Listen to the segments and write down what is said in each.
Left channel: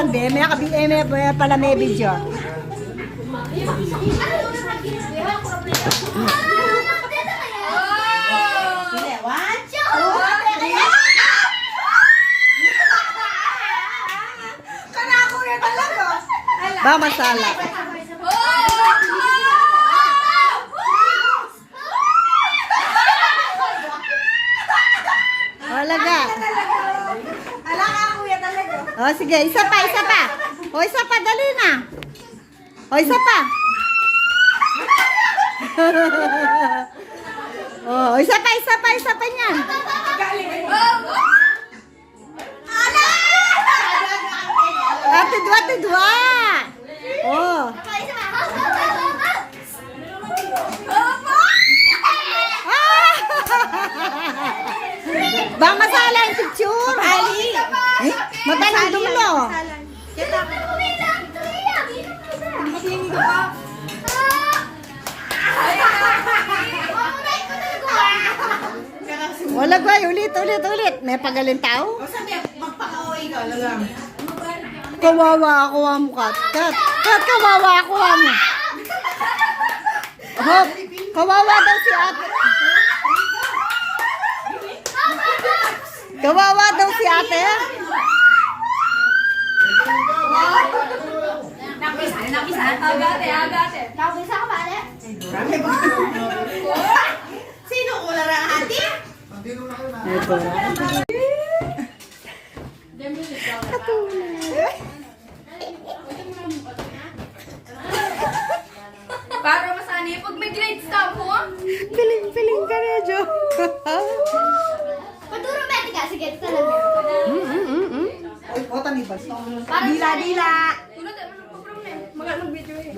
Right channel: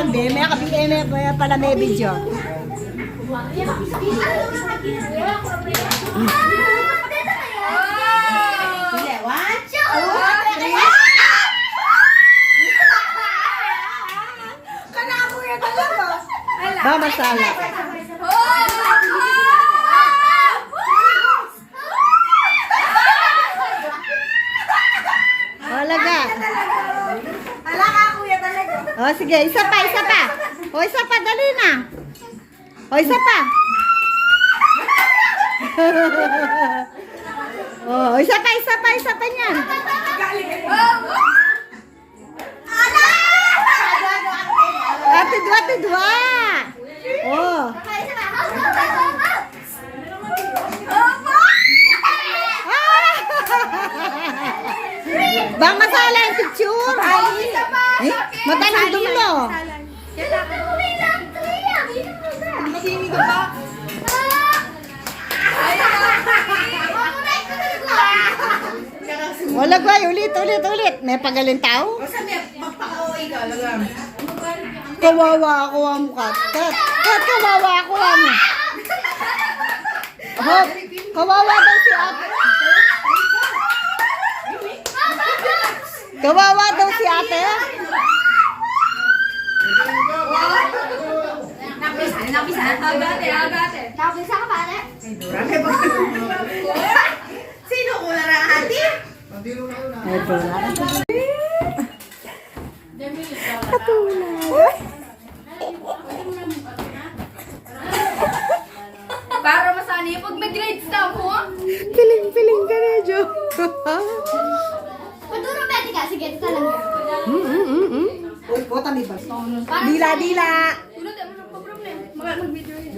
ng BM, pala may video. Sige, 1, 2, 3. Kanako yan talaga. Ba, masala. Alaga. Alaga, kuya talaga. Oh, sige, isa pa, isa pa. O, isa pa, dali na. O, isa pa. Oh, isa pa, isa pa, isa pa niyan. Dua. Oh. Bang masala yung picture. Eh, matanong dumulo. Wala ba, ulit. May pagaling tao? Kawawa ako mo, Kat. Kat, kawawa ako mo. Oh, kawawa daw si ate. Kawawa daw si ate. Nakpisa. Agate. Nakpisa ka pare? Sino ula na ate? Ito na. Katulad. Para masani pag may grades daw mo. Piling ka na, Jo. Paturo pwede ka, sige, ito lang yan. Uy, bota ni Bas. Dila. Tulad mo ng program na eh. Mag-video eh.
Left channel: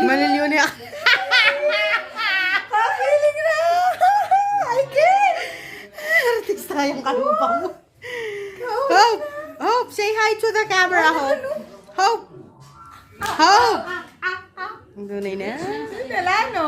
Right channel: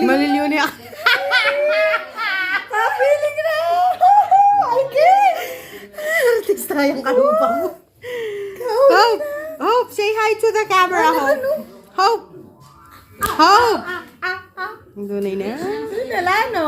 Maliliw niya. Piling na. I can't. Artista yung kalupa mo. Hope, say hi to the camera, Hope. Hope. Doon na. Wala, no?